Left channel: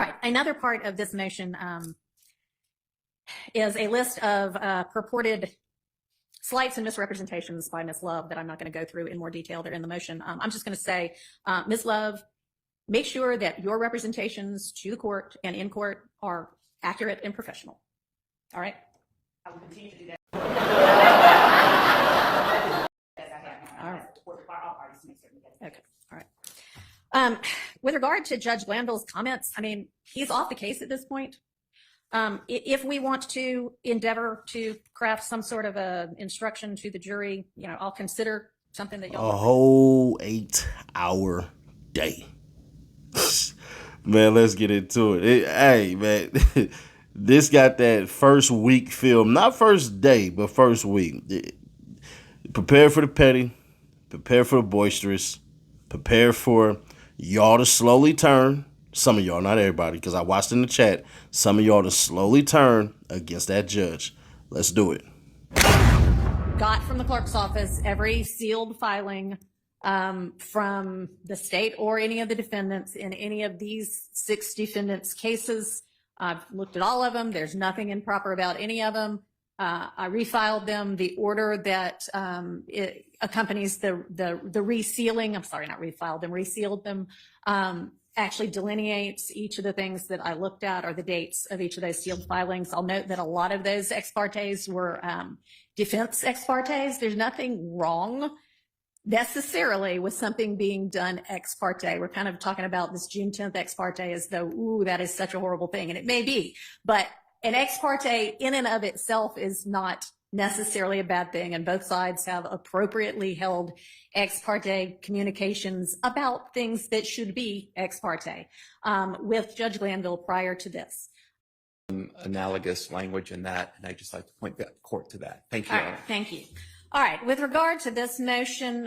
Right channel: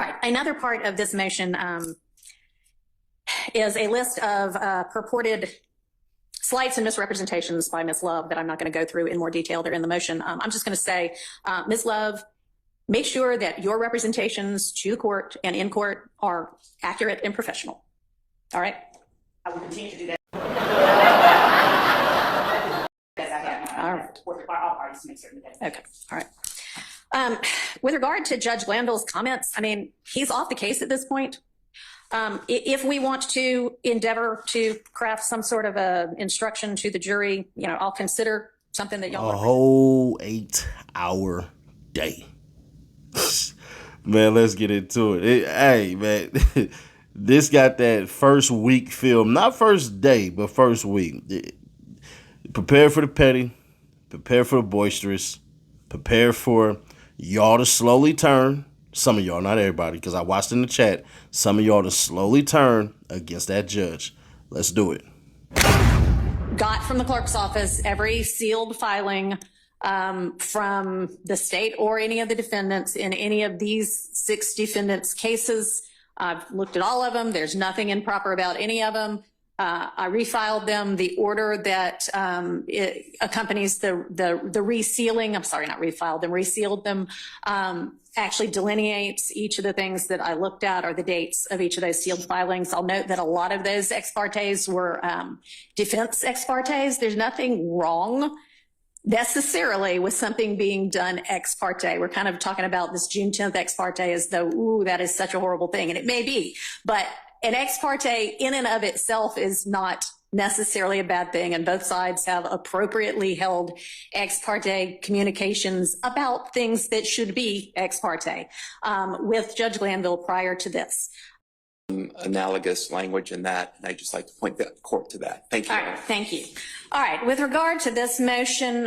All right, another part of this motion is a list of purported slights and misrepresentations by Ms. Love that I'm not going to go through in more detail. They're in the motion. I'm just going to say, Ms. Love, make sure that your representations to the court and in court are accurate and professional. All right? I will continue to do that. All right. All parties to make certain that. Okay. All right. With regard to Judge Glanville's comments, I mean, he's off the case at this point. If we want to endeavor to craft some sort of a instruction to the jury, you know, I'll consider something that y'all. A whole 8-hour day. Man, let's get into it. Hey, man, this got that first week film. Not first day, but first week. Prepare for the petty. Prepare for the boisterous. Prepare for y'all to slowly turn. Some of y'all, not everybody, because I watched in the chat. Some of y'all to slowly turn against that judge. Let's do it. Got from the clerk's office every sealed filing from the state or any of the defendants in any of these 6 defendants' cases. I've looked at all of them. There's nothing improper about any of them. I refiled them. The order that it accompanies the resealing, I'm sorry, not refiled them, resealed them, actually delineates each of the things that I looked at or the dates of each of those sealed filings. I'll note that a lot of those ex partes were defense ex partes. There's nothing wrong necessarily with something being done ex parte. We're kind of talking about this June 10th ex parte as though, ooh, that is such a horrible thing. And it may be, but an ex parte in and of itself is not necessarily a bad thing, and both sides have appropriately held ex parte communications about things that should be ex parte with Judge Glanville prior to this. Analogous language in that, and I'd just like to point the court to that. Thank you. All right, thank you. All right, with regard to this motion,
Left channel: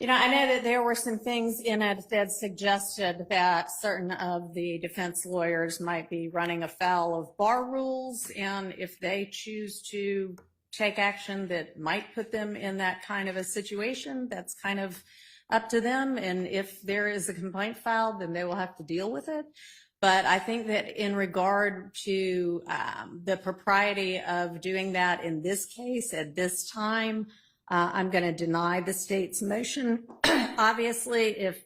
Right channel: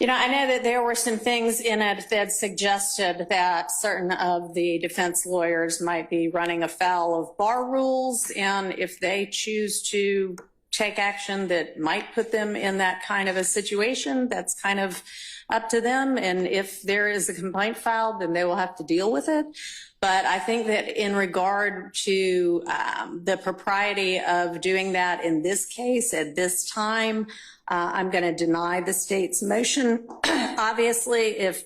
you know, I know that there were some things in it that suggested that certain of the defense lawyers might be running afoul of bar rules, and if they choose to take action that might put them in that kind of a situation, that's kind of up to them. And if there is a complaint filed, then they will have to deal with it. But I think that in regard to the propriety of doing that in this case at this time, I'm going to deny the state's motion. Obviously, if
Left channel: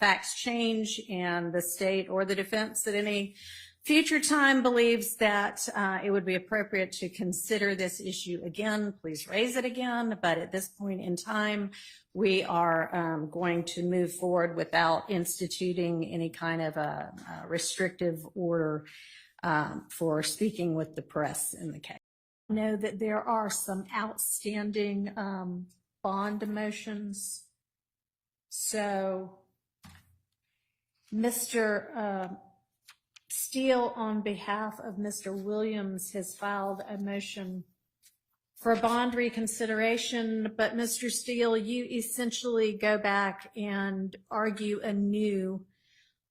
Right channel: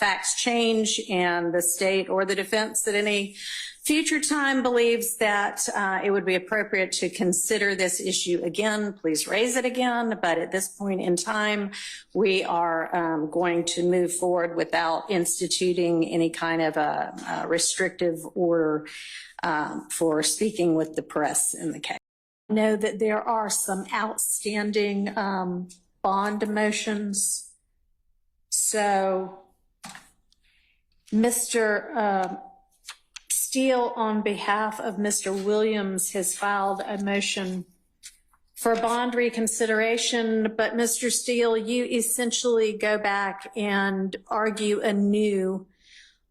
facts change and the state or the defense at any future time believes that it would be appropriate to consider this issue again, please raise it again. But at this point in time, we are going to move forward without instituting any kind of a restrictive order for speaking with the press in the case. I know that there are some outstanding bond motions. So Mr. Steele, on behalf of Mr. Williams, has filed a motion for bond reconsideration. But Mr. Steele, you essentially go back and argue anew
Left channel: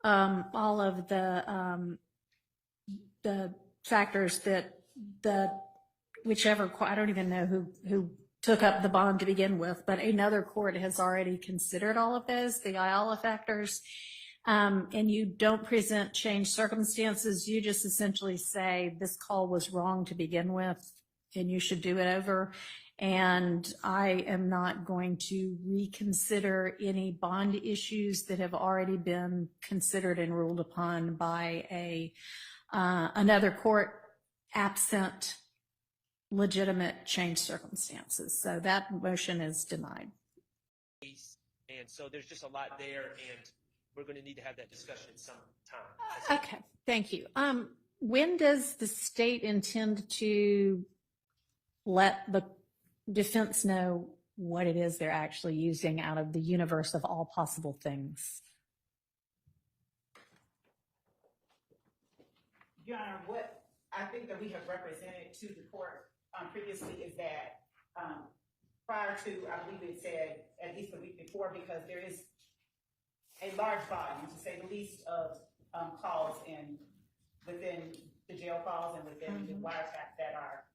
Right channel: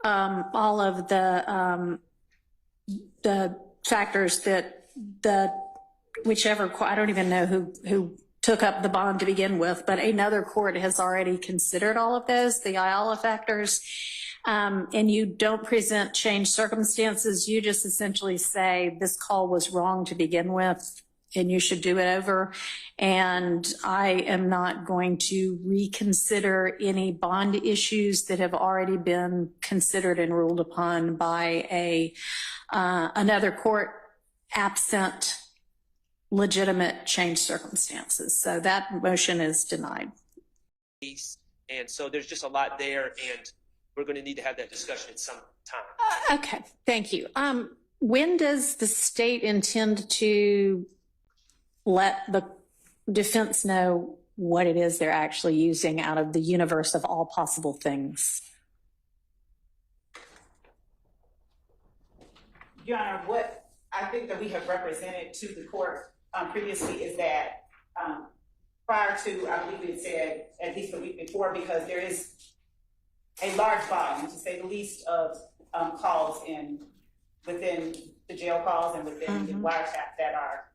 all of the factors that whichever, I don't even know who took up the bond to begin with, but another court has already considered all of those, the Ayala factors, and you don't present changed circumstances. You just essentially say this call was wrong to begin with and you should do it over. And I am not going to reconsider any bond issues that have already been considered and ruled upon by another court absent legitimate changed circumstances. So that motion is denied. And so there's just a lot there, and we're going to need to have that discussion at some time. Okay, thank you. When does the state intend to let the defense know what it is they're actually using out of the universe of all possible things? Your Honor, what I think that we have represented to the court previously is that prior to, I believe we had said at least a week before, because there is a large volume, to say the least, of calls within the jail calls and within the wiretap that are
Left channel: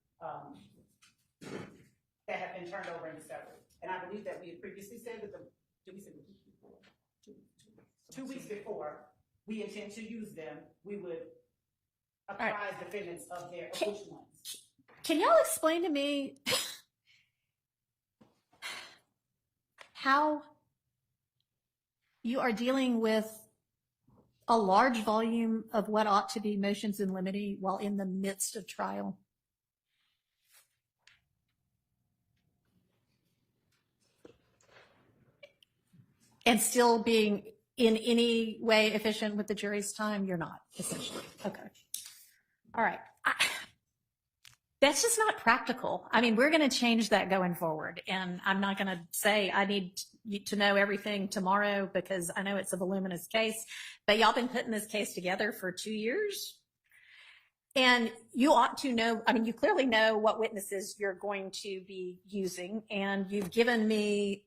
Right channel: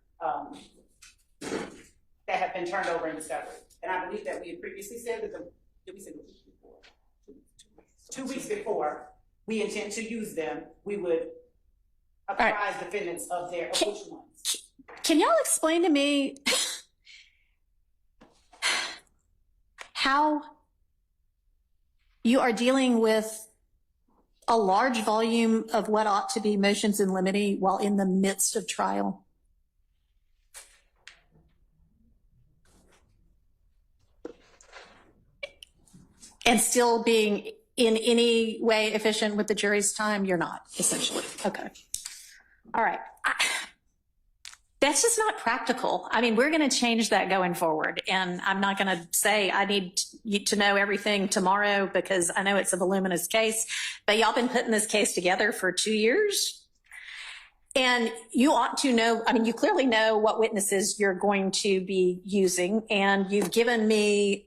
that have been turned over in discovery. And I believe that we had previously said that did we say the week before? 2 weeks before, we intend to use them, we would apprise defendants of which ones. Can y'all explain to me how you are dealing with a large volume of what ought to be motions in limine while in the midst of trial? And still being in any way efficient with the jury's time? You're not, essentially. Okay. All right. That's just not practical. I mean, we're going to change that going forward. And I'm not going to say I need you to know everything tomorrow because I know it's a voluminous case, but y'all been putting this case together for 2 years. And you ought to know, I mean, you clearly know what witnesses you're going to be using. And you've given me,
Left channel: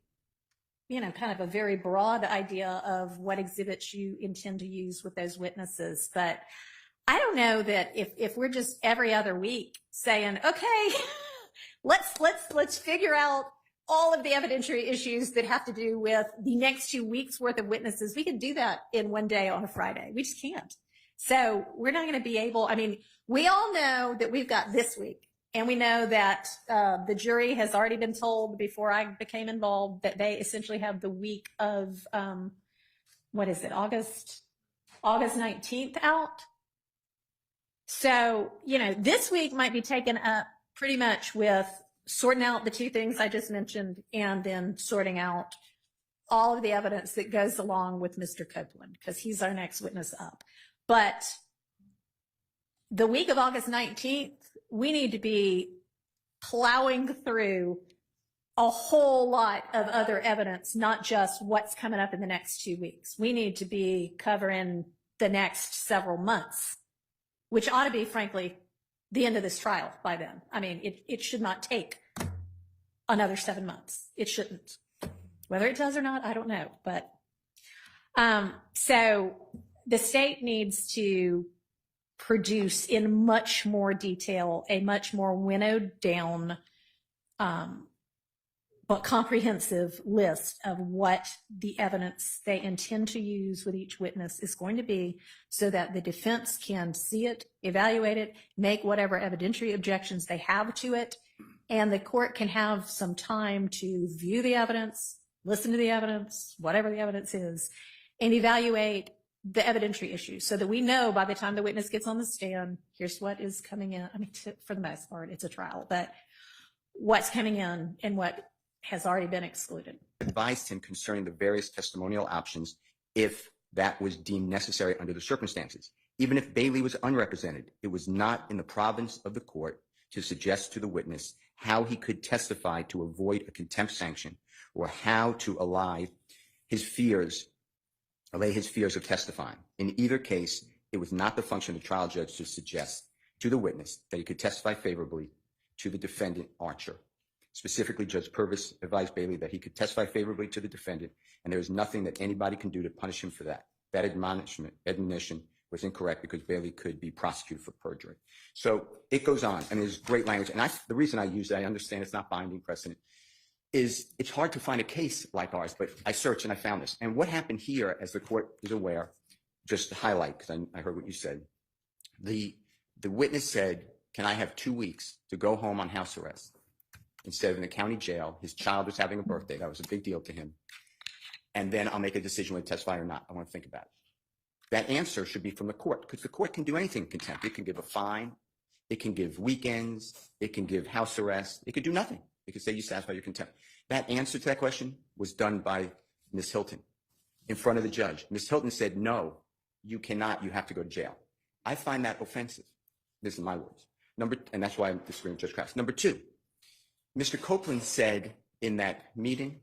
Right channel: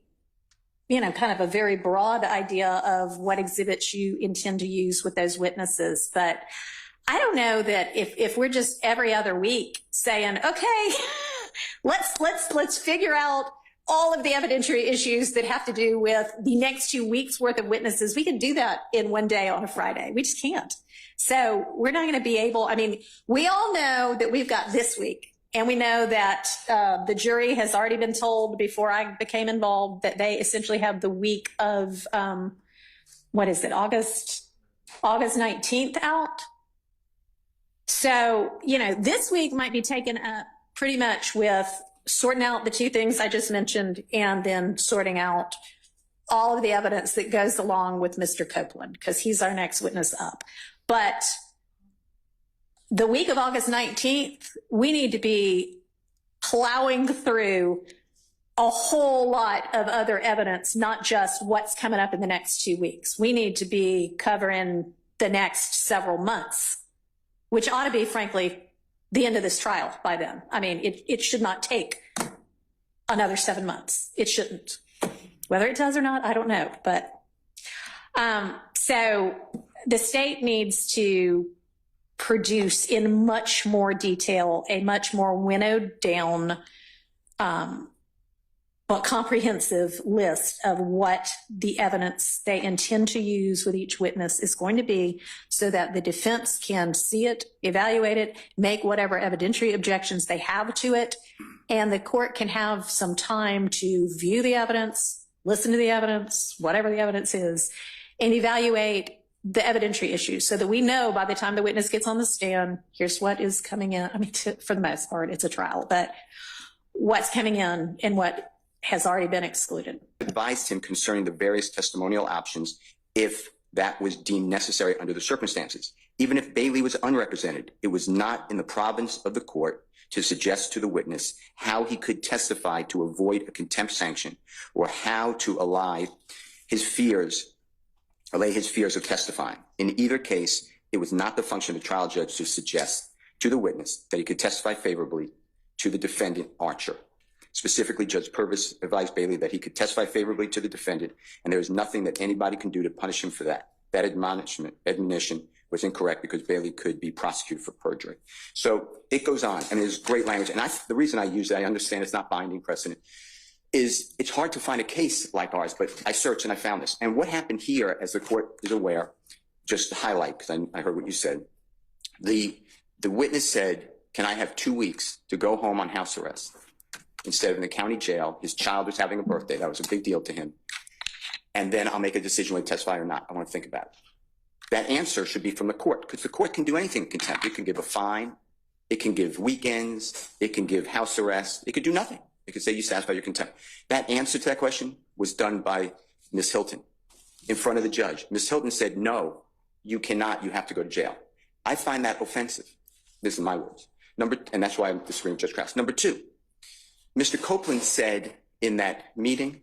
you know, kind of a very broad idea of what exhibits you intend to use with those witnesses. But I don't know that if we're just every other week saying, okay, let's figure out all of the evidentiary issues that have to do with the next 2 weeks worth of witnesses. We can do that in one day on a Friday. We just can't. So we're not going to be able, I mean, we all know that we've got this week, and we know that the jury has already been told before I became involved that they essentially have the week of, what is it, August 19th out. So, you know, this week might be taken up pretty much with sorting out the two things I just mentioned and then sorting out all of the evidence that goes along with Mr. Copeland, because he's our next witness up. But the week of August 19th, we need to be plowing through a whole lot of other evidence, not just what's coming up in the next 2 weeks. We need to be covering the next several months, which ought to be, frankly, the end of this trial by then. I mean, it should not take another 7 months. It shouldn't. Whether it does or not, I don't know. But so the state needs to produce in much more detail a much more winnowed down but comprehensive list of what the evidence they intend to use with each witness is going to be, so that the defense can see it, evaluate it, make whatever evidentiary objections they have to it, and the court can have some time to view the evidence, listen to the evidence, whatever the evidence is, and evaluate the evidentiary issues, so that we know by the time the witness gets on the stand, here's what is coming in. I mean, for the most part, it's a trial, but what's coming in and what has already been excluded. Advised him concerning the various testimonial options if that was deemed necessary under the circumstances. Even if Bailey was unrepresented, it was not in the province of the court to suggest to the witness how he could testify to avoid a contempt sanction, or how to allay his fears of testifying. In either case, it was not the function of the trial judge to suggest to the witness that he could testify favorably to the defendant, Archer. Specifically, Judge Purvis advised Bailey that he could testify favorably to the defendant, and there is nothing that anybody can do to punish him for that. That admonition was incorrect because Bailey could be prosecuted for perjury. So it goes on, and there's great language. And the reason I use it, I understand it's not binding precedent, is it's hard to find a case like ours, but I searched and I found this. And what happened here, as the court is aware, just to highlight, because I heard what you said, the witness said, can I have 2 weeks to go home on house arrest instead of in the county jail? His child was having a birthday. That was a big deal to him. And then I'll make a decision whether to testify or not. I want to think about it. That answer should be from the court, because the court can do anything in contempt. It can give a fine. It can give weekends. It can give house arrest. It could do nothing. It could say you satisfy your contempt. That answer to that question was done by Ms. Hilton in front of the judge. Ms. Hilton said, no, you cannot. You have to go to jail. I find that offensive. This is my words. And that's why I'm disagreeing with Judge Krause. Number two, Mr. Copeland said in that meeting,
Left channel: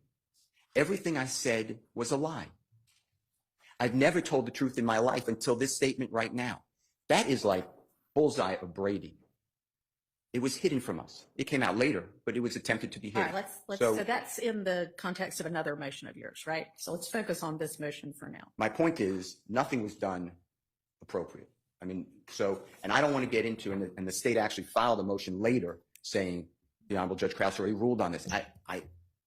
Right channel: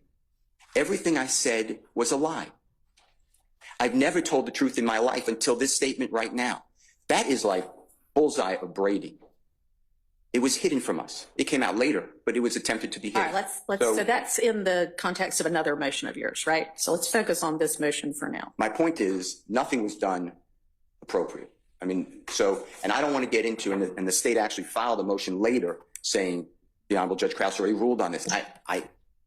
everything I said was a lie. I've never told the truth in my life until this statement right now. That is like bullseye of Brady. It was hidden from us. It came out later, but it was attempted to be hidden. All right, so that's in the context of another motion of yours, right? So let's focus on this motion for now. My point is, nothing was done appropriate. I mean, and I don't want to get into, and the state actually filed a motion later saying the Honorable Judge Krause already ruled on this. I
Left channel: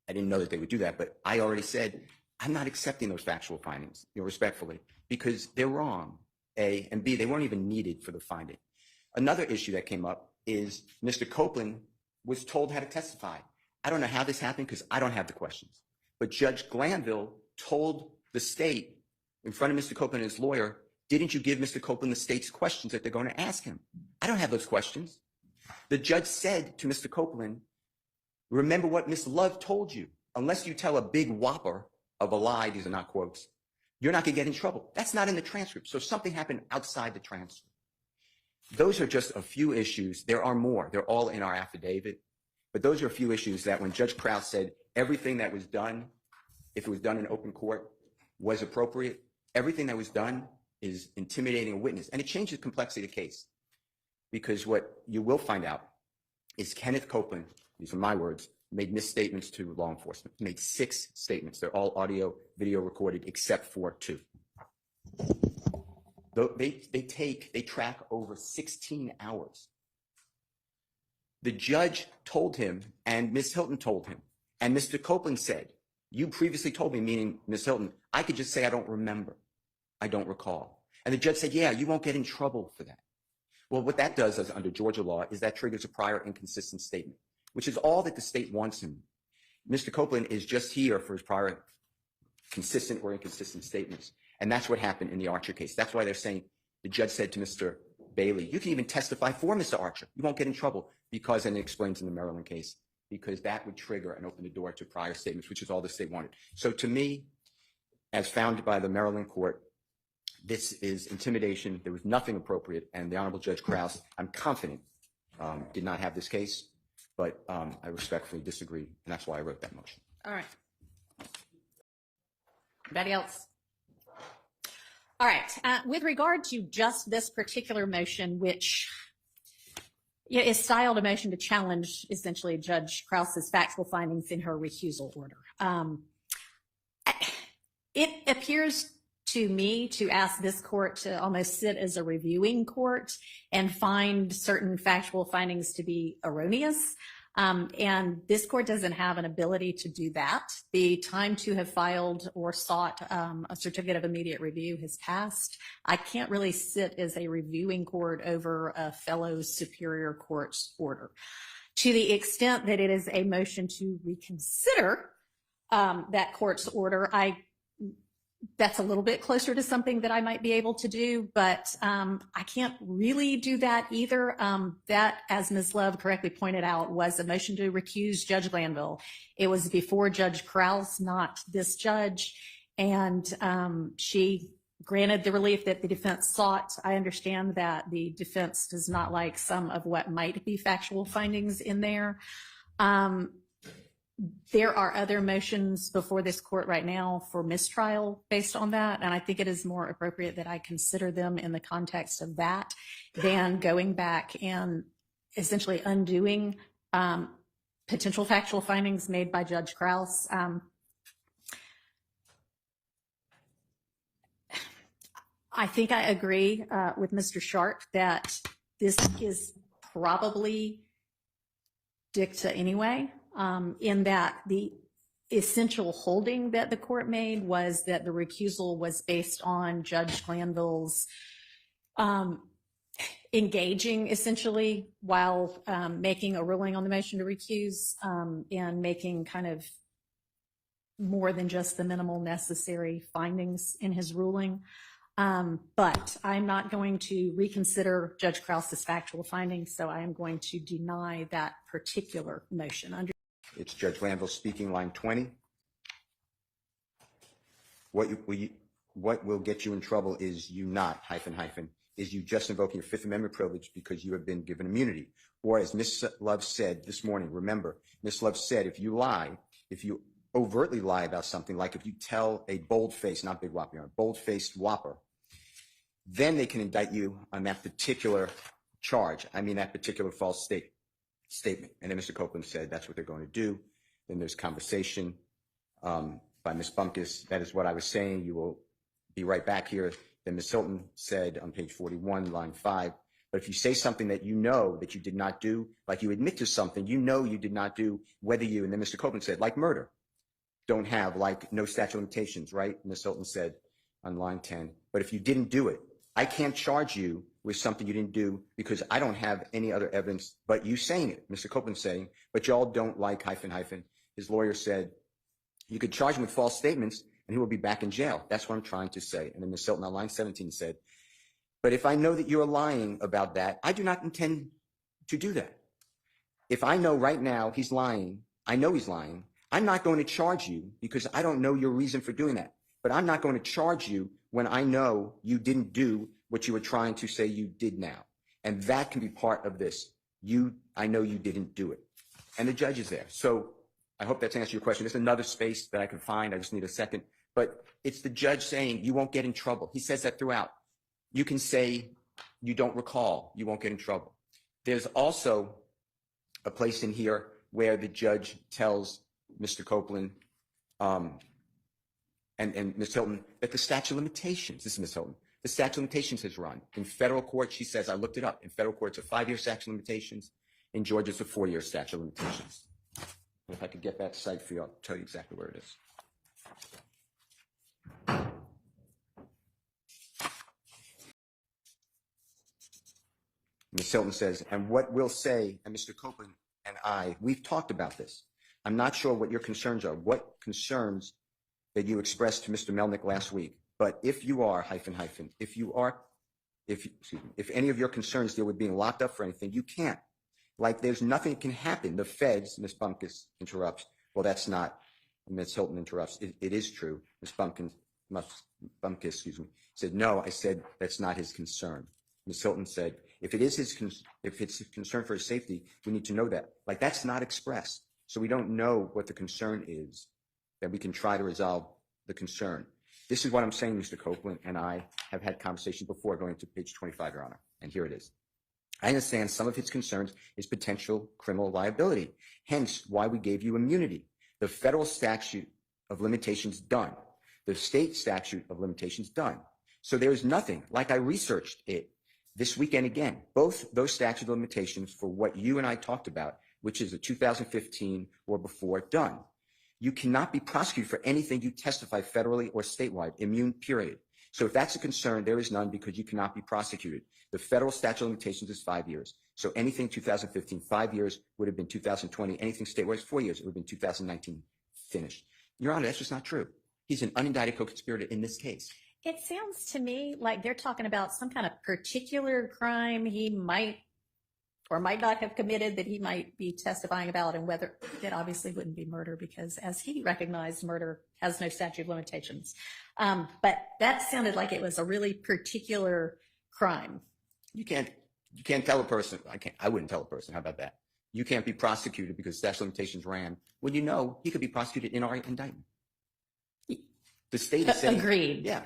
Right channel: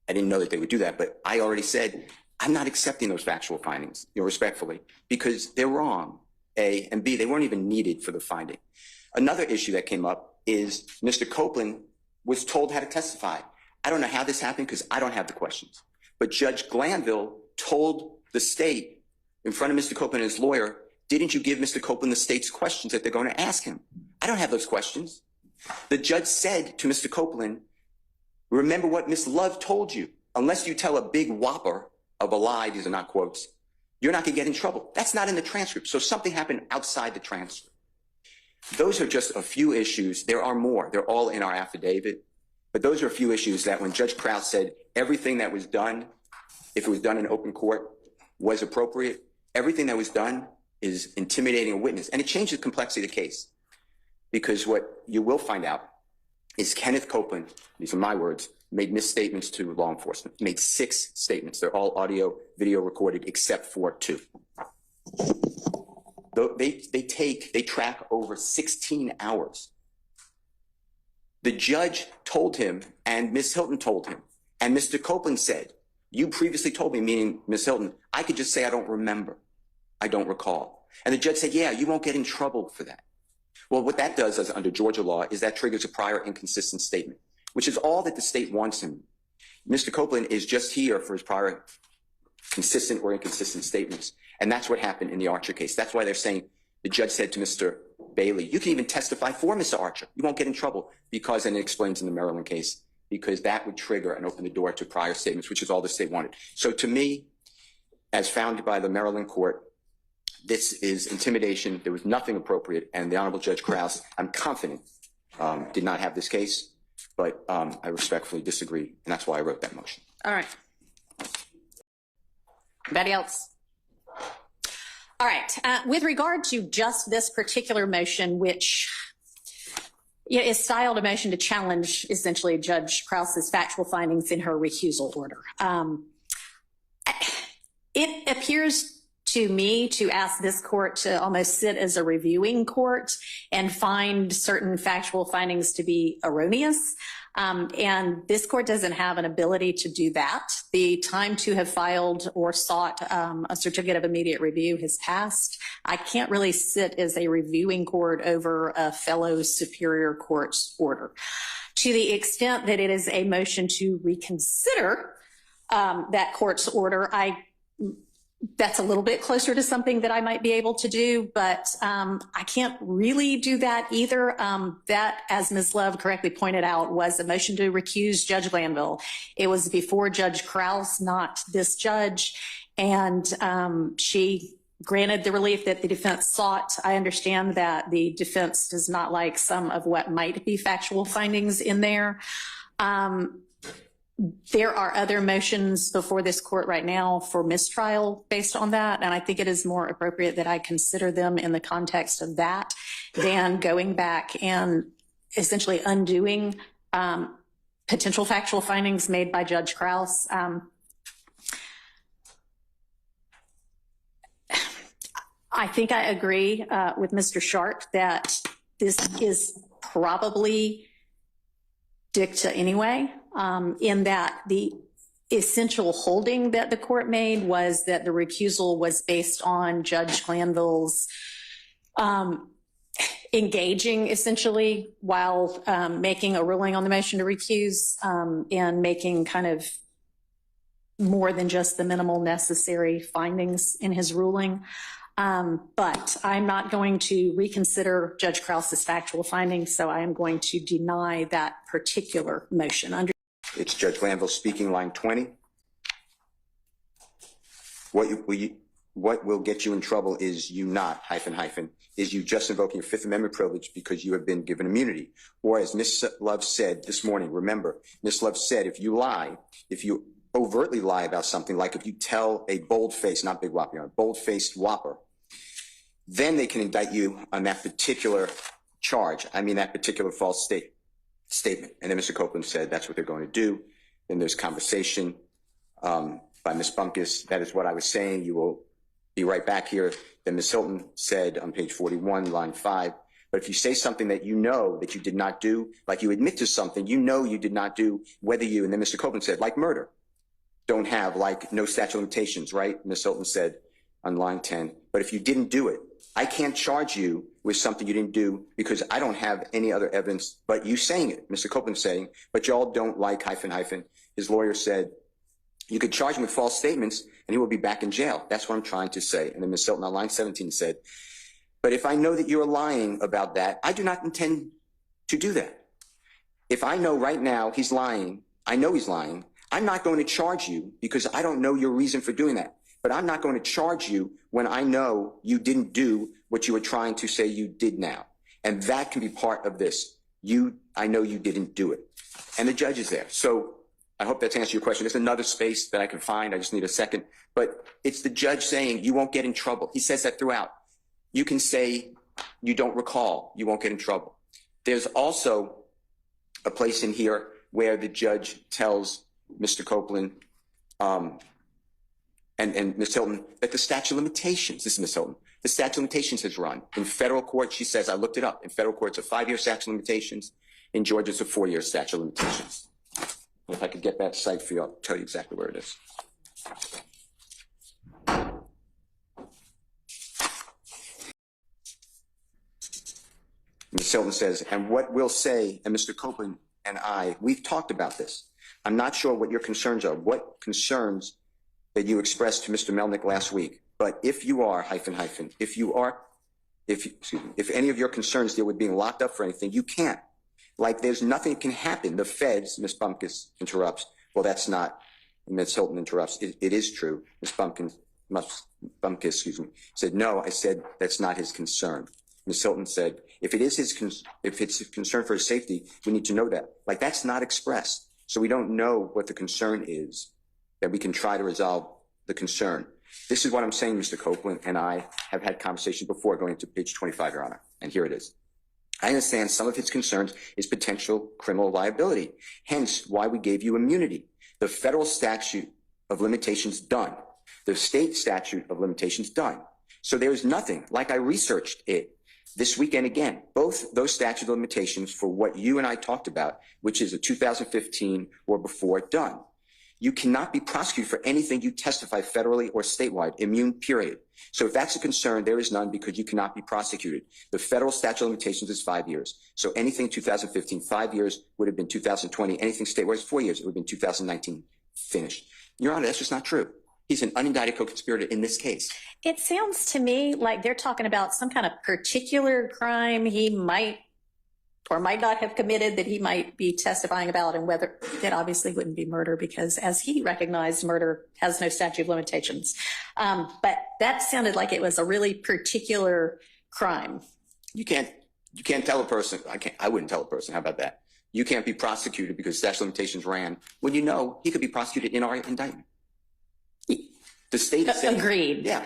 didn't know that they would do that, but I already said, I'm not accepting those factual findings, respectfully, because they're wrong, A, and B, they weren't even needed for the finding. Another issue that came up is Mr. Copeland was told how to testify. I don't know how this happened because I don't have the questions. But Judge Glanville told the state in front of Mr. Copeland and his lawyer, didn't you give Mr. Copeland the state's questions that they're going to ask him? I don't have those questions. The judge said to Mr. Copeland, remember what Ms. Love told you. Unless you tell a big whopper of a lie, these are not quotes, you're not going to get in trouble. That's not in the transcript. So something happened outside the transcript. Those are just a few issues. There are more. They're all in our affidavit. But those are a few issues that when Judge Krause said everything that was done, if it was done in open court, was appropriate, everything that was done is intimidating a witness. And it changes the complexity of the case. Because what you will find out is Kenneth Copeland, these are my words, made misstatements to law enforcement. He made 6 statements. They're all audio, video recorded, except for 2. They track over 16 hours. The judge told him, and Ms. Hilton told him, and Mr. Copeland said, you previously told me, meaning Ms. Hilton, I could just say I don't remember, I don't recall. And the judge said, yeah, you won't get in trouble for that. Well, what that does, as under Georgia law, is that triggers a prior inconsistent statement, which is all that the state wants him. Mr. Copeland is just here for his prior consistent or inconsistent statements. And that's what happened in the Archer case. That's why they're saying, the judge said to Mr. Bailey, you can even testify for Mr. Archer. You won't get in trouble because, and it explains in the Maryland case, because that would trigger and open the door to prior statements, which is all the state wanted. So to me, as found by the Maryland court, this is intimidation. There was nothing appropriate. And the Honorable Judge Krause, I'm confident, did not have this case, but I respectfully disagree. And that's why I wrote that motion. All right. Anybody else? All right. With regard to just this particular motion, which is styled a motion to challenge essentially Judge Krause's factual findings in her recusal order. It appears to me to ask this court to almost sit as a reviewing court and find certain factual findings to be erroneous. And this court doesn't have an ability to do that. The time to have filed or sought a certificate of immediate review has passed. I can't really sit as a reviewing court over a fellow superior court's order. To the extent that it is a motion to reconsider that court's order, that's a little bit closer to something that I might be able to do, but I can't really do that either. That, as Ms. Love correctly pointed out, was a motion to recuse Judge Glanville. It was before Judge Krause, not this judge, and she granted the relief that the defense sought. I understand that the defense does not like some of what might be factual findings in there. There are other motions before this court right now for mistrial based on that, and I think it is more appropriate that I consider them in the context of that than going back and essentially undoing potential factual findings made by Judge Krause. I think I agree with Mr. Sharp that this is probably dicta anyway. In that the essential holding that the court made was that the recusal was based on Judge Glanville's engaging essentially while making a ruling on the motion to recuse and making kind of more than just the minimal necessary findings in his ruling. But I'm not going to reconsider Judge Krause's factual findings, so I am going to deny that particular motion. It's Judge Glanville speaking, line 20. What will get you in trouble is you not, is you just invoking your Fifth Amendment privilege because you have been given immunity. Or as Ms. Love said this morning, remember, Ms. Love said if you overtly lie about something, like if you tell a bold-faced, not big whopper, a bold-faced whopper, then they can indict you on that particular charge. I mean, that particular false statement. And then Mr. Copeland said that's what they're going to do. Then there's conversation by Ms. Bunkus. That is what I was saying. You will be right back here. Then Ms. Hilton said on page 41, line 5, but if you say something that you know that you did not do, like you admit to something you know you did not do, whether you, and then Mr. Copeland said, like murder. don't have, like no statute of limitations, right? Ms. Hilton said on line 10. But if you didn't do it, I can't charge you with something you didn't do because I don't have any other evidence but you saying it. Mr. Copeland saying, but y'all don't like ... His lawyer said, you could charge him with false statements and he will be back in jail. That's what I'm trying to say. And then Ms. Hilton on line 17 said, but if I know that you're lying about that, I do not intend to do that. If I know right now he's lying, I know he's lying, I'm not going to charge you because I don't know your reason for doing that. But I'm not going to charge you when I know you didn't do what you were trying to say you did now. And that can be part of this. I know you didn't do it. And the judge is there. So I hope that's answered your question. There's another space that I can find. I just need a second. But it's the judge saying you won't get in trouble. He says that throughout. You can say you don't recall. You won't get in trouble. There's also a place in here where the judge tells Mr. Copeland and Ms. Hilton that the statute of limitations, this is Ms. Hilton, the statute of limitations has run. In federal court, she says, I looked it up. In federal court, it's a 5-year statute of limitations. In Georgia, it's a 4-year statute of limitations. If I could get that site for you, I'll tell you exactly where it is. Ms. Hilton says, and what we'll say, and Mr. Copeland and I, we've talked about this. I'm not sure what your concerns are, what concerns that you expressed to Mr. Melnick last week. But if you are, if any of your concerns deal with being locked up for anything, you can't. Like there's nothing can happen. The feds, Ms. Bumpkus interrupts. Well, that's not, Ms. Hilton interrupts. It is true. Ms. Bumpkus, said, no, I said that's not his concern. Ms. Hilton said, if it's a concern for his safety, we need to know that. Like that's not expressed. So we don't know what the concern is that we can try to resolve the concern. This is what I'm saying, Mr. Copeland and I have had conversations before going to page 25, Your Honor. And here it is. I understand some of his concerns is potential criminal liability, hence why we gave you immunity. The federal statute of limitations done. The state statute of limitations done. So there's nothing, like I researched it this weekend again, both those statute of limitations for what you and I talked about, which is a 2015 or before done. You cannot be prosecuted for anything you testify federally or statewide, immune, period. So if that's a concern, there is none because you cannot be prosecuted. The federal statute of limitations is 5 years. So anything 2015, 5 years would have been 2020. Anything statewide is 4 years. It would have been 2019 finished. Your Honor, that's just not true. He's an unindicted co-conspirator in this case. It sounds to me like they're talking about some kind of particular crime he might or might not have committed that he might be testifying about, and whether that obviously wouldn't be murder because, as he recognized, murder has no statute of limitations. But that sounded like it was a really particular crime. You can't tell a person. I wouldn't tell a person. How about that? You can't be prosecuted because statute of limitations ran when you know he could be prosecuted in our indictment. The state is saying, agreed. Yeah,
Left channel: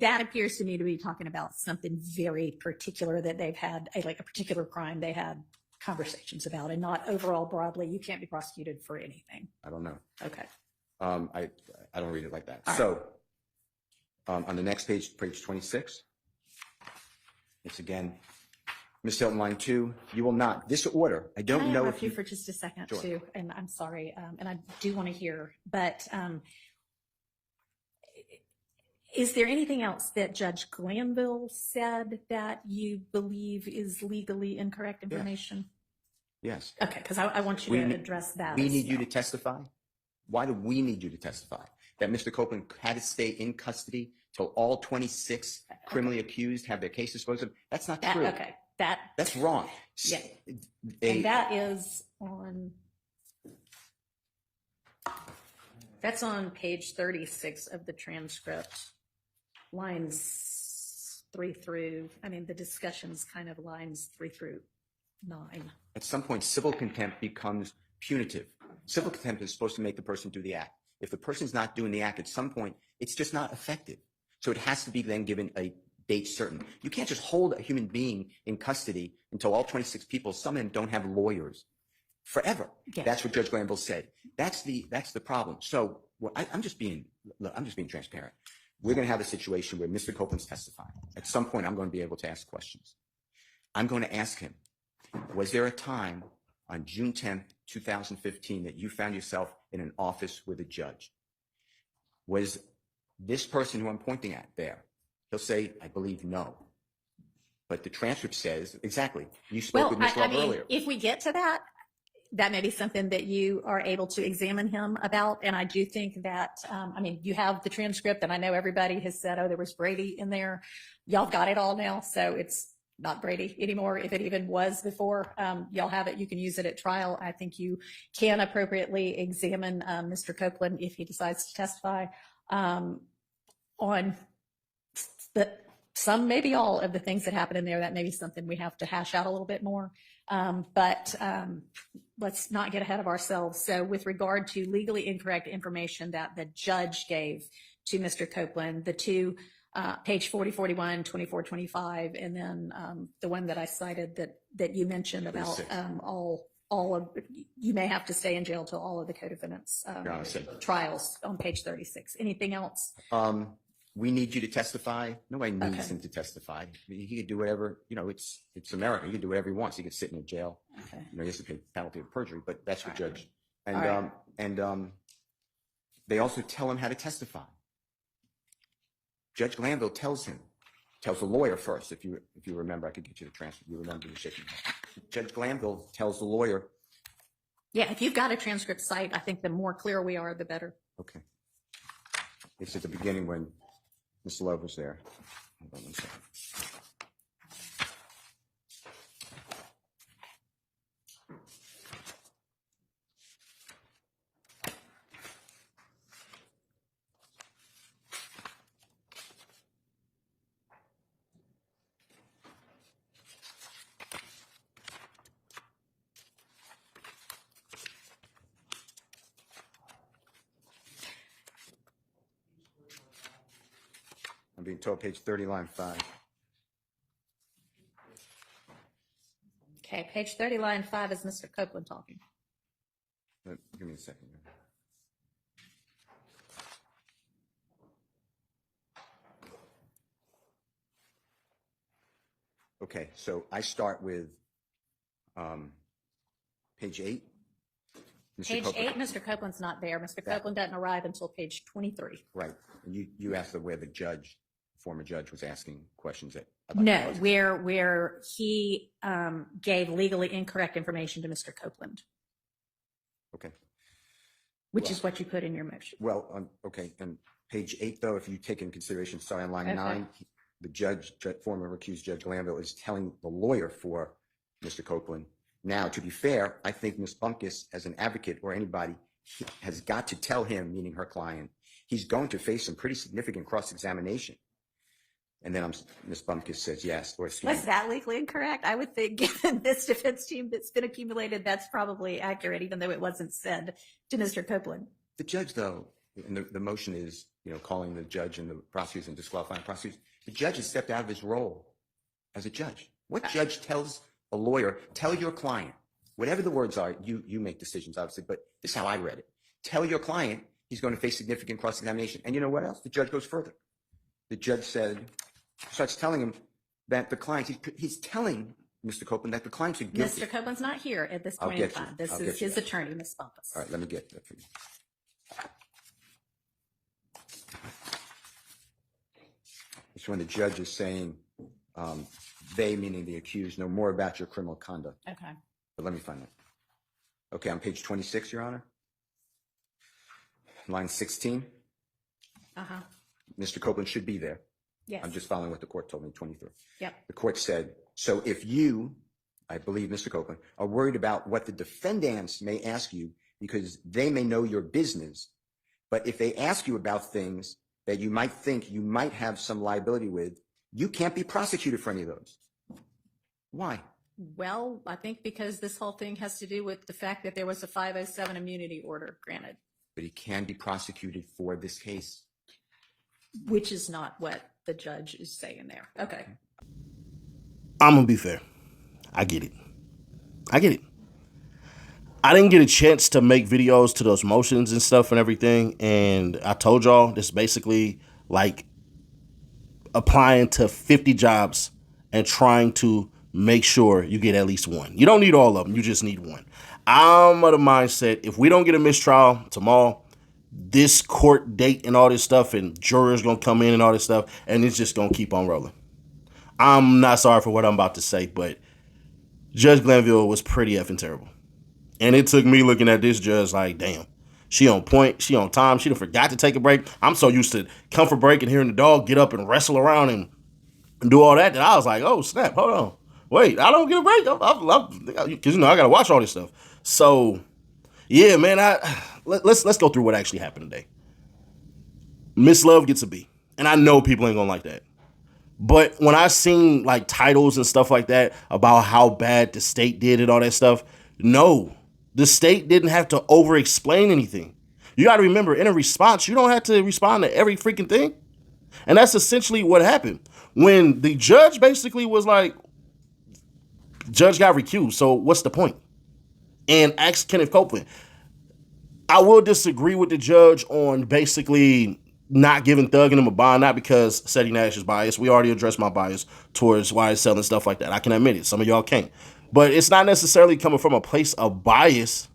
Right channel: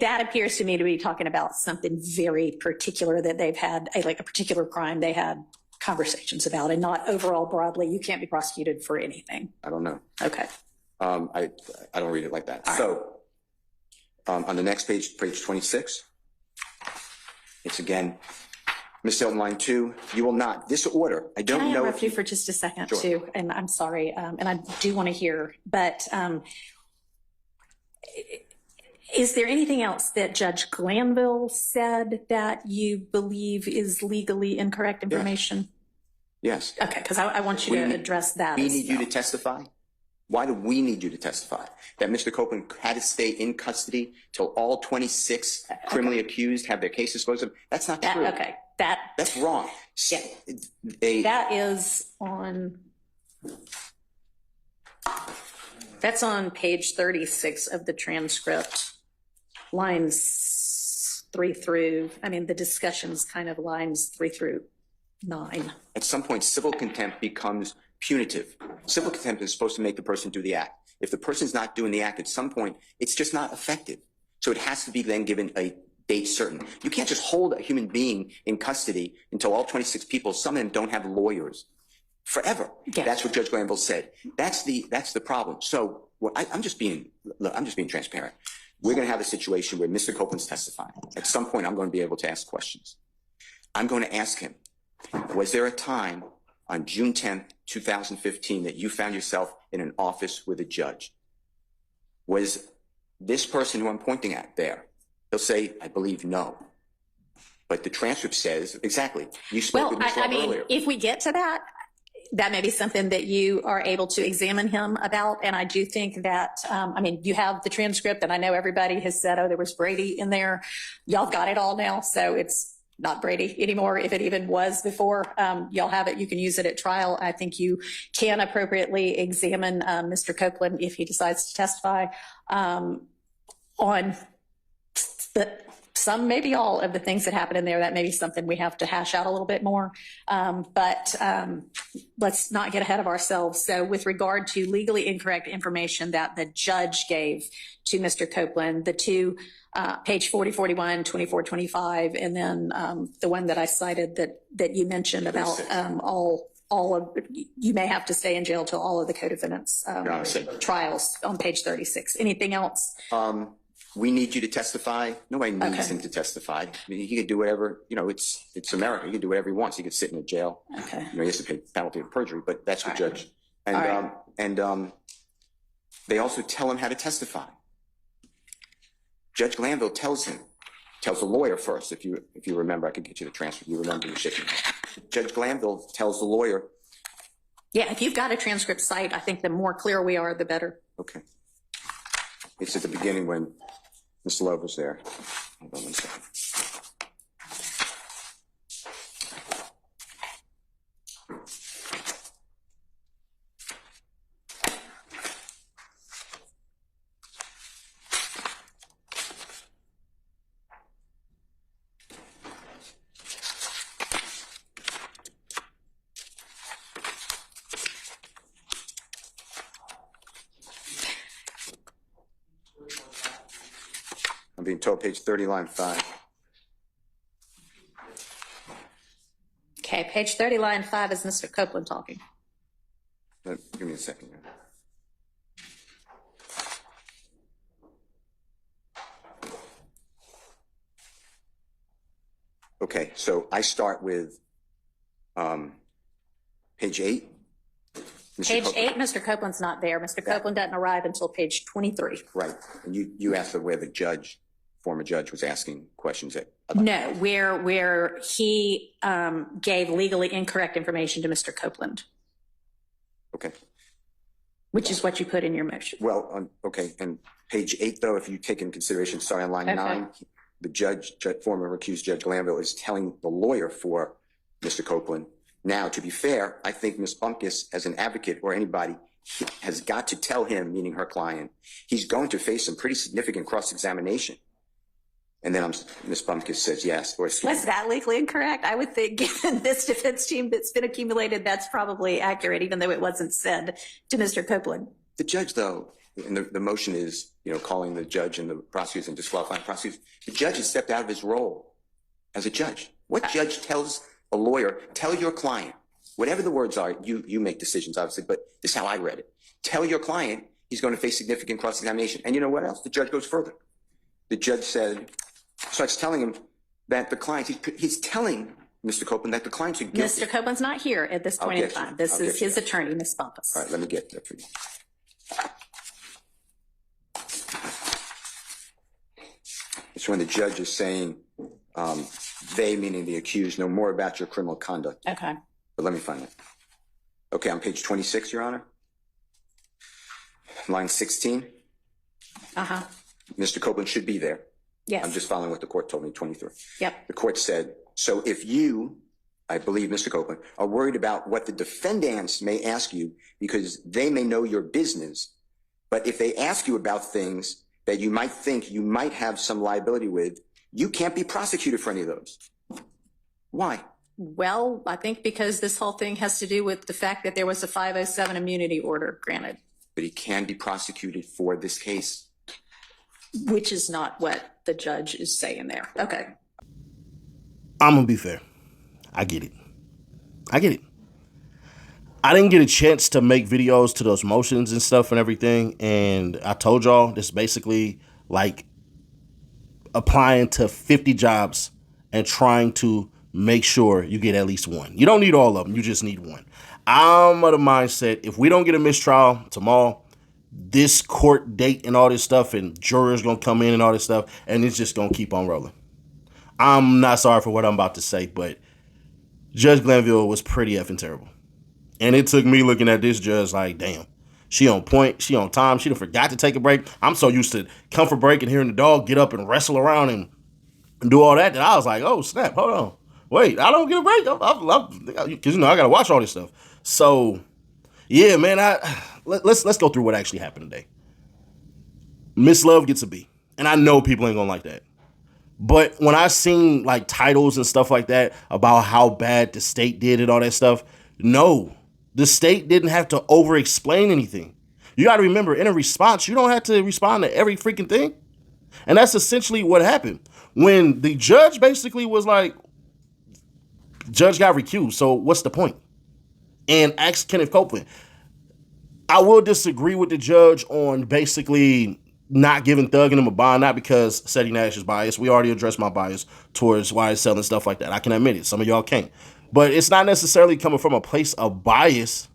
that appears to me to be talking about something very particular that they've had, like a particular crime they had conversations about, and not overall broadly. You can't be prosecuted for anything. I don't know. Okay. I don't read it like that. All so on the next page, page 26, it's again, Ms. Hilton, line 2, you will not. This order, I don't Can I know interrupt if you for just a second, Sure. too? And I'm sorry, and I do want to hear, but is there anything else that Judge Glanville said that you believe is legally incorrect information? Yes. Okay, because I want you to address that. We need you to testify. Why do we need you to testify? That Mr. Copeland had to stay in custody till all 26 criminally accused have their cases disposed of? That's not true. Okay, That's wrong. Yeah. That is on. That's on page 36 of the transcript, lines 3 through, the discussion's kind of lines 3 through 9. At some point, civil contempt becomes punitive. Civil contempt is supposed to make the person do the act. If the person's not doing the act at some point, it's just not effective. So it has to be then given a date certain. You can't just hold a human being in custody until all 26 people, some of them don't have lawyers, forever. Yeah. That's what Judge Glanville said. That's the problem. So I'm just being transparent. We're going to have a situation where Mr. Copeland's testifying. At some point, I'm going to be able to ask questions. I'm going to ask him, was there a time on June 10th, 2015 that you found yourself in an office with a judge? was this person who I'm pointing at there. He'll say, I believe no. But the transcript says, exactly, you spoke with Ms. Love earlier. If we get to that, that may be something that you are able to examine him about. And I do think that, you have the transcript, and I know everybody has said, oh, there was Brady in there. Y'all got it all now. So it's not Brady anymore. If it even was before, y'all have it. You can use it at trial. I think you can appropriately examine Mr. Copeland if he decides to testify on some, maybe all of the things that happened in there. That may be something we have to hash out a little bit more. But let's not get ahead of ourselves. So with regard to legally incorrect information that the judge gave to Mr. Copeland, the two, page 4041, 2425, and then the one that I cited that you mentioned about all of, you may have to stay in jail till all of the co-defendants trials on page 36. Anything else? We need you to testify. Nobody needs him to testify. I mean, he could do whatever, it's America. He could do whatever he wants. He could sit in a jail. Okay. He has to pay penalty of perjury, but that's the judge. And, All and they also tell him how to testify. Judge Glanville tells the lawyer first. If you remember, I could get you the transcript. You remember, you shaking. Judge Glanville tells the lawyer. Yeah, if you've got a transcript cite, I think the more clear we are, the better. Okay. It's at the beginning when Ms. Love was there. Hold on one second. I'm being told page 30, line 5. Okay, page 30, line 5 is Mr. Copeland talking. Give me a second. Okay, so I start with page 8. Page 8, Mr. Copeland's not there. Mr. Copeland doesn't arrive until page 23. Right. And you asked where the former judge was asking questions at. No, where he gave legally incorrect information to Mr. Copeland. Okay. Which is what you put in your motion. Well, okay. And page 8, though, if you take in consideration, sorry, on line 9, the former accused Judge Glanville is telling the lawyer for Mr. Copeland. Now, to be fair, I think Ms. Bumpkus, as an advocate or anybody, has got to tell him, meaning her client, he's going to face some pretty significant cross-examination. And then Ms. Bumpkus says yes. Was that legally incorrect? I would think, given this defense team that's been accumulated, that's probably accurate, even though it wasn't said to Mr. Copeland. The judge, though, and the motion is, calling the judge and the prosecutors and disqualifying prosecutors. The judge has stepped out of his role as a judge. What judge tells a lawyer, tell your client, whatever the words are, you make decisions, obviously, but this is how I read it. Tell your client he's going to face significant cross-examination. And you know what else? The judge goes further. The judge starts telling him that the client, he's telling Mr. Copeland that the clients are guilty. Mr. Copeland's not here at this point in time. This is his attorney, Ms. Bumpkus. All right, let me get that for you. It's when the judge is saying, they, meaning the accused, know more about your criminal conduct. Okay. But let me find it. Okay, on page 26, Your Honor. Line 16. Uh-huh. Mr. Copeland should be there. Yes. I'm just following what the court told me, 23. Yep. The court said, so if you, I believe Mr. Copeland, are worried about what the defendants may ask you because they may know your business, but if they ask you about things that you might think you might have some liability with, you can't be prosecuted for any of those. Why? Well, I think because this whole thing has to do with the fact that there was a 507 immunity order granted. But he can be prosecuted for this case. Which is not what the judge is saying there. Okay. I'm going to be fair. I get it. I didn't get a chance to make videos to those motions and stuff and everything. And I told y'all this is basically like applying to 50 jobs and trying to make sure you get at least one. You don't need all of them. You just need one. I'm of the mindset, if we don't get a mistrial tomorrow, this court date and all this stuff, and jurors gonna come in and all this stuff, and it's just gonna keep on rolling. I'm not sorry for what I'm about to say, but Judge Glanville was pretty effing terrible. And it took me looking at this judge like, damn, she on point, she on time, she done forgot to take a break. I'm so used to come for break and hearing the dog get up and wrestle around and do all that I was like, oh snap, hold on. Wait, I don't get a break. Because I gotta watch all this stuff. So yeah, man, let's go through what actually happened today. Miss Love gets a B. And I know people ain't gonna like that. But when I seen like titles and stuff like that about how bad the state did and all that stuff, no, the state didn't have to over explain anything. You got to remember, in a response, you don't have to respond to every freaking thing. And that's essentially what happened. When the judge basically was like, judge got recused, so what's the point? And asked Kenneth Copeland. I will disagree with the judge on basically not giving Thug and him a bond, not because Seti Nash is biased. We already addressed my bias towards YSL and stuff like that. I can admit it. Some of y'all can't. But it's not necessarily coming from a place of bias.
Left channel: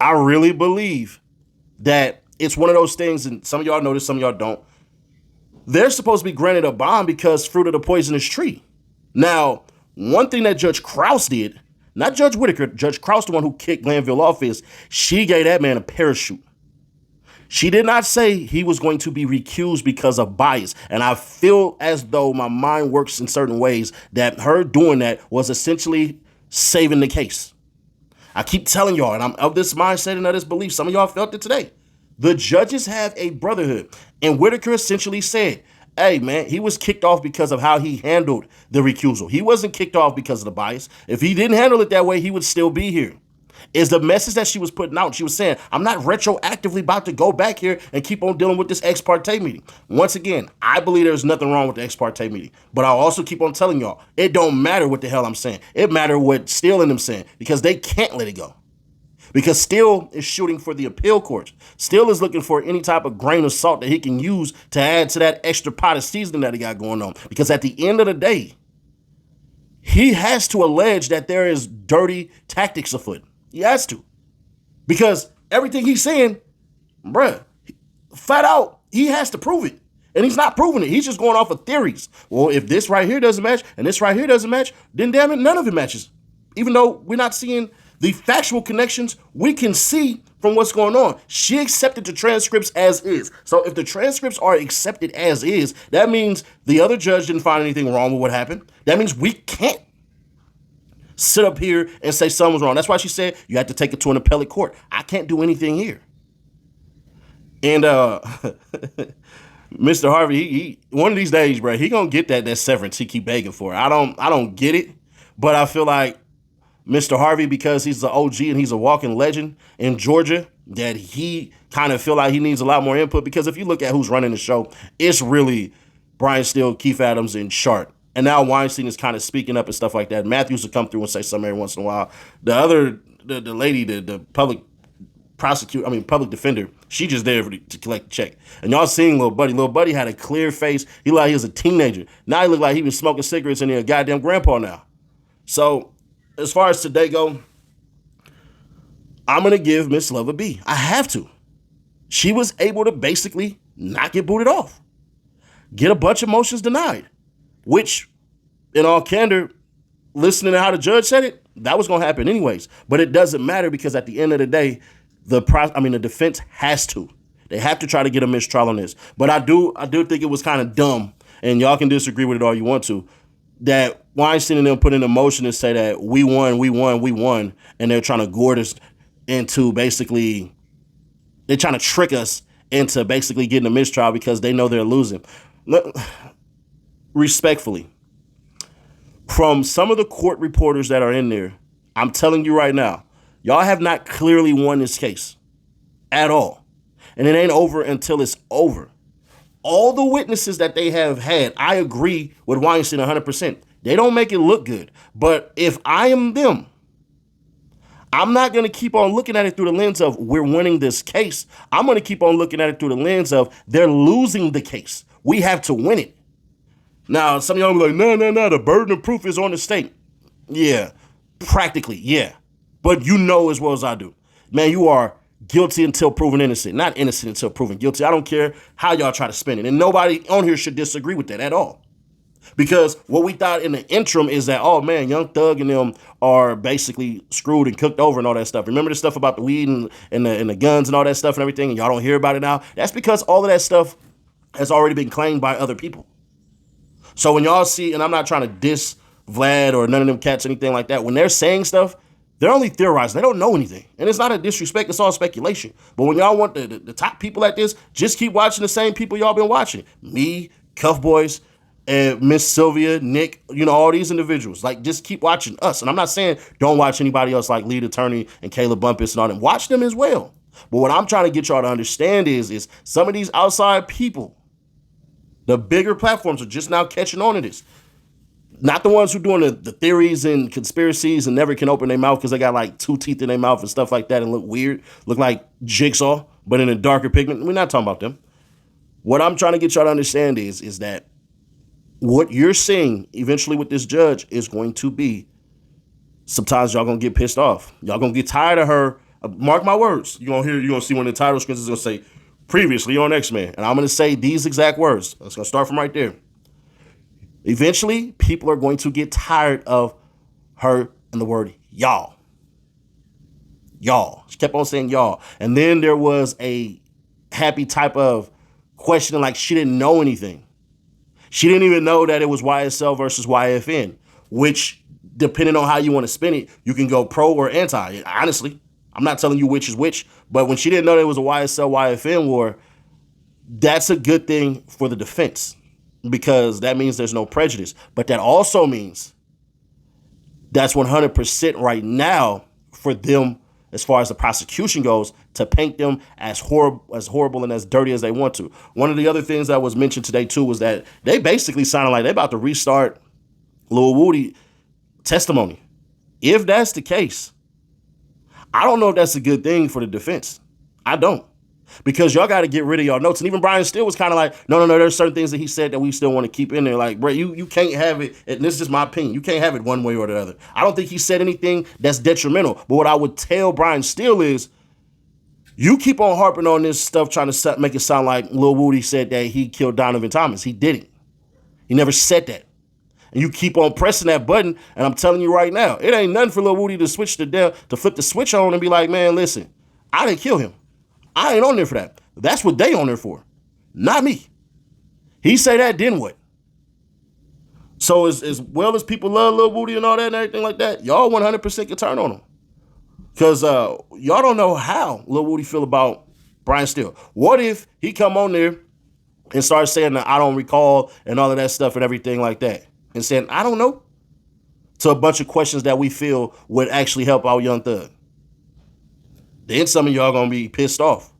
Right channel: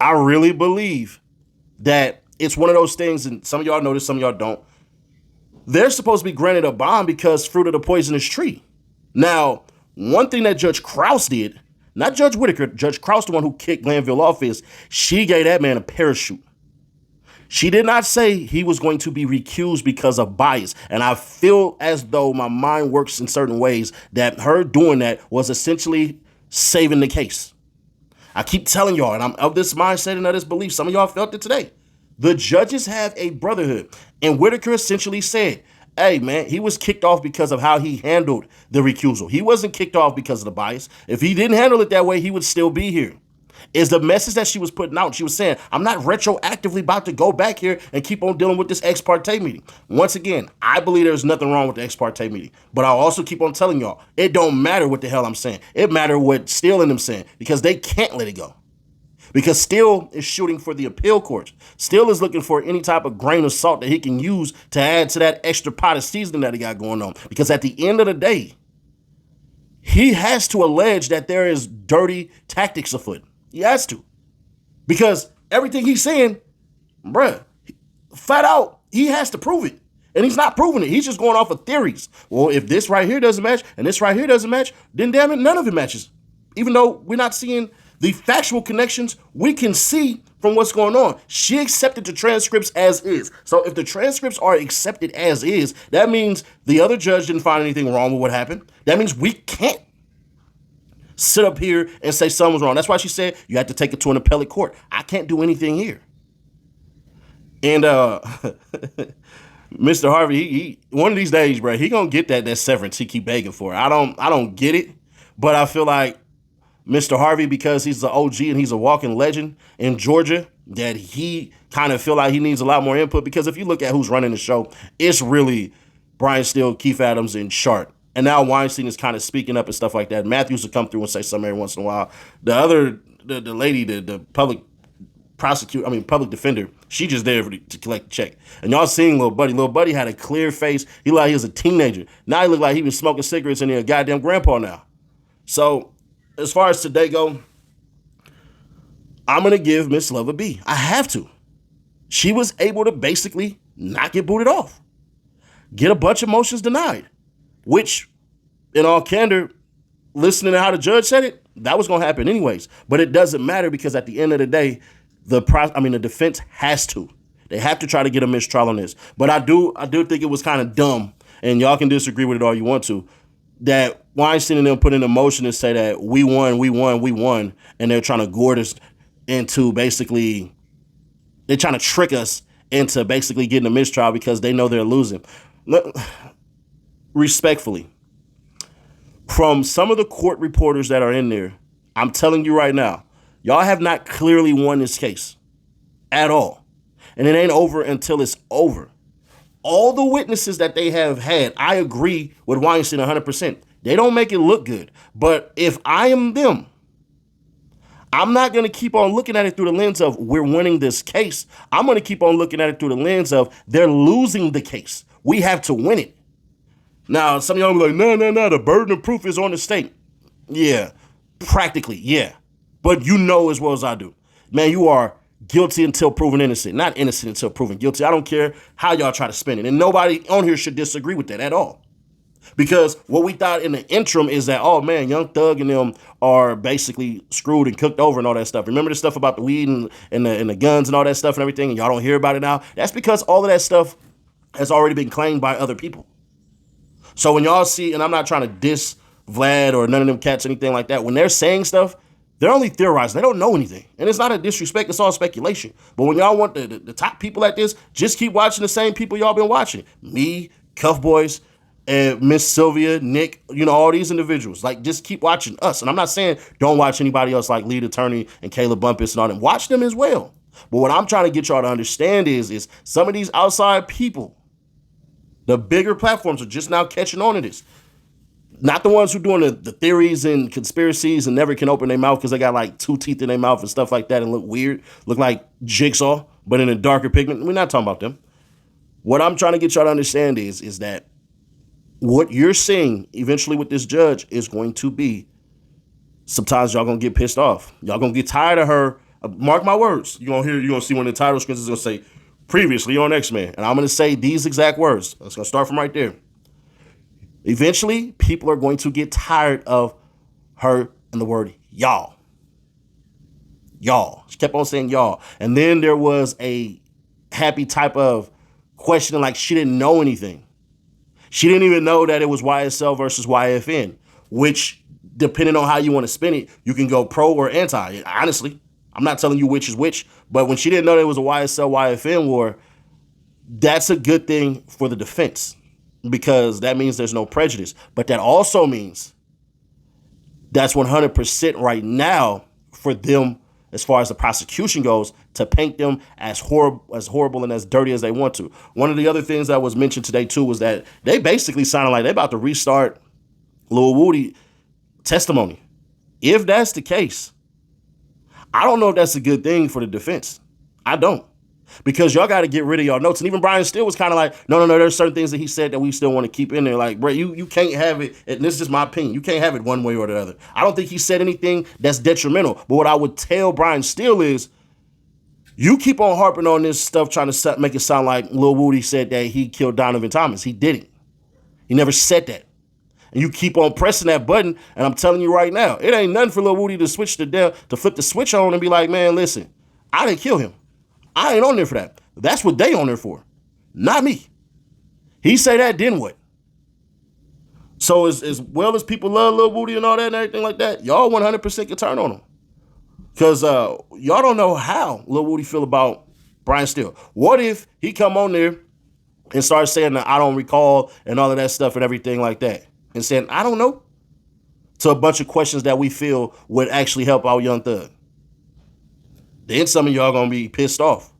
I really believe that it's one of those things, and some of y'all know this, some of y'all don't. They're supposed to be granted a bond because fruit of the poisonous tree. Now, one thing that Judge Krause did, not Judge Whitaker, Judge Krause, the one who kicked Glanville off, is she gave that man a parachute. She did not say he was going to be recused because of bias. And I feel as though my mind works in certain ways that her doing that was essentially saving the case. I keep telling y'all, and I'm of this mindset and of this belief. Some of y'all felt it today. The judges have a brotherhood. And Whitaker essentially said, hey, man, he was kicked off because of how he handled the recusal. He wasn't kicked off because of the bias. If he didn't handle it that way, he would still be here. Is the message that she was putting out. She was saying, I'm not retroactively about to go back here and keep on dealing with this ex parte meeting. Once again, I believe there's nothing wrong with the ex parte meeting. But I'll also keep on telling y'all, it don't matter what the hell I'm saying. It matters what Steele and them saying, because they can't let it go. Because Steele is shooting for the appeal court. Steele is looking for any type of grain of salt that he can use to add to that extra pot of seasoning that he got going on. Because at the end of the day, he has to allege that there is dirty tactics afoot. He has to. Because everything he's saying, bruh, flat out, he has to prove it. And he's not proving it. He's just going off of theories. Well, if this right here doesn't match and this right here doesn't match, then damn it, none of it matches. Even though we're not seeing the factual connections, we can see from what's going on. She accepted the transcripts as is. So if the transcripts are accepted as is, that means the other judge didn't find anything wrong with what happened. That means we can't sit up here and say something was wrong. That's why she said you have to take it to an appellate court. I can't do anything here. And Mr. Harvey, he one of these days, bro, he gonna get that severance he keep begging for. I don't get it, but I feel like Mr. Harvey, because he's the OG and he's a walking legend in Georgia, that he kind of feel like he needs a lot more input. Because if you look at who's running the show, it's really Brian Steele, Keith Adams, and Sharp. And now Weinstein is kind of speaking up and stuff like that. Matthews will come through and say something every once in a while. The lady, the public defender, she just there to collect the check. And y'all seeing Lil Buddy. Lil Buddy had a clear face. He looked like he was a teenager. Now he looked like he was smoking cigarettes and he a goddamn grandpa now. So as far as today go, I'm going to give Miss Love a B. I have to. She was able to basically not get booted off. Get a bunch of motions denied. Which, in all candor, listening to how the judge said it, that was going to happen anyways. But it doesn't matter because at the end of the day, the defense has to. They have to try to get a mistrial on this. But I do think it was kind of dumb, and y'all can disagree with it all you want to, that Weinstein and them put in a motion to say that we won, and they're trying to goad us into basically, they're trying to trick us into basically getting a mistrial because they know they're losing. Respectfully, from some of the court reporters that are in there, I'm telling you right now, y'all have not clearly won this case at all. And it ain't over until it's over. All the witnesses that they have had, I agree with Weinstein 100%. They don't make it look good. But if I am them, I'm not going to keep on looking at it through the lens of we're winning this case. I'm going to keep on looking at it through the lens of they're losing the case. We have to win it. Now, some of y'all will be like, no, the burden of proof is on the state. Yeah, practically, yeah. But you know as well as I do. Man, you are guilty until proven innocent, not innocent until proven guilty. I don't care how y'all try to spin it. And nobody on here should disagree with that at all. Because what we thought in the interim is that, oh man, Young Thug and them are basically screwed and cooked over and all that stuff. Remember the stuff about the weed and the guns and all that stuff and everything, and y'all don't hear about it now? That's because all of that stuff has already been claimed by other people. So when y'all see, and I'm not trying to diss Vlad or none of them cats, anything like that, when they're saying stuff, they're only theorizing. They don't know anything. And it's not a disrespect. It's all speculation. But when y'all want the top people like this, just keep watching the same people y'all been watching. Me, Cuff Boys, and Miss Sylvia, Nick, all these individuals. Like, just keep watching us. And I'm not saying don't watch anybody else like Lead Attorney and Caleb Bumpus and all them. Watch them as well. But what I'm trying to get y'all to understand is some of these outside people, the bigger platforms are just now catching on to this. Not the ones who doing the theories and conspiracies and never can open their mouth because they got like 2 teeth in their mouth and stuff like that and look weird, look like Jigsaw, but in a darker pigment. We're not talking about them. What I'm trying to get y'all to understand is that what you're seeing eventually with this judge is going to be, sometimes y'all gonna get pissed off. Y'all gonna get tired of her. Mark my words. You're gonna see when the title screen is gonna say previously on X-Men. And I'm gonna say these exact words. It's gonna start from right there. Eventually, people are going to get tired of her and the word y'all. Y'all. She kept on saying y'all. And then there was a happy type of questioning like she didn't know anything. She didn't even know that it was YSL versus YFN, which, depending on how you want to spin it, you can go pro or anti. Honestly, I'm not telling you which is which, but when she didn't know there was a YSL YFN war, that's a good thing for the defense, because that means there's no prejudice. But that also means that's 100% right now for them, as far as the prosecution goes, to paint them as horrible and as dirty as they want to. One of the other things that was mentioned today too was that they basically sounded like they're about to restart Lil Woody testimony. If that's the case, I don't know if that's a good thing for the defense. I don't. Because y'all got to get rid of y'all notes. And even Brian Steele was kind of like, no, there's certain things that he said that we still want to keep in there. Like, bro, you can't have it. And this is just my opinion. You can't have it one way or the other. I don't think he said anything that's detrimental. But what I would tell Brian Steele is, you keep on harping on this stuff, trying to make it sound like Lil Woody said that he killed Donovan Thomas. He didn't. He never said that. And you keep on pressing that button, and I'm telling you right now, it ain't nothing for Lil Woody to flip the switch on and be like, man, listen, I didn't kill him. I ain't on there for that. That's what they on there for, not me. He say that, then what? So as well as people love Lil Woody and all that and everything like that, y'all 100% can turn on him. Because y'all don't know how Lil Woody feel about Brian Steele. What if he come on there and start saying that I don't recall and all of that stuff and everything like that, and saying, I don't know, to a bunch of questions that we feel would actually help out Young Thug? Then some of y'all gonna be pissed off.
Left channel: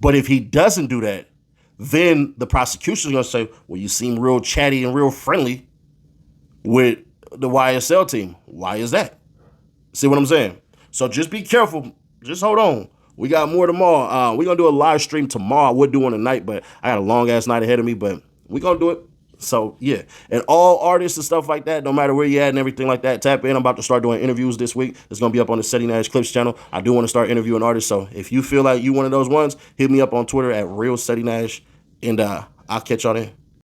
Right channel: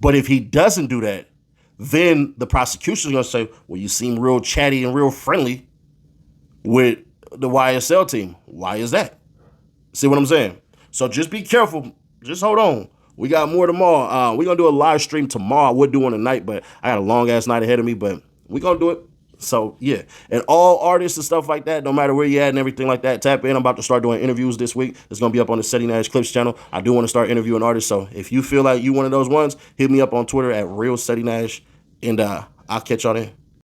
But if he doesn't do that, then the prosecution's gonna say, well, you seem real chatty and real friendly with the YSL team. Why is that? See what I'm saying? So just be careful. Just hold on. We got more tomorrow. We're going to do a live stream tomorrow. I would do one tonight, but I got a long-ass night ahead of me, but we're going to do it. So, yeah. And all artists and stuff like that, no matter where you're at and everything like that, tap in. I'm about to start doing interviews this week. It's going to be up on the Ceddy Nash Clips channel. I do want to start interviewing artists, so if you feel like you one of those ones, hit me up on Twitter at RealCeddyNash, and I'll catch y'all then.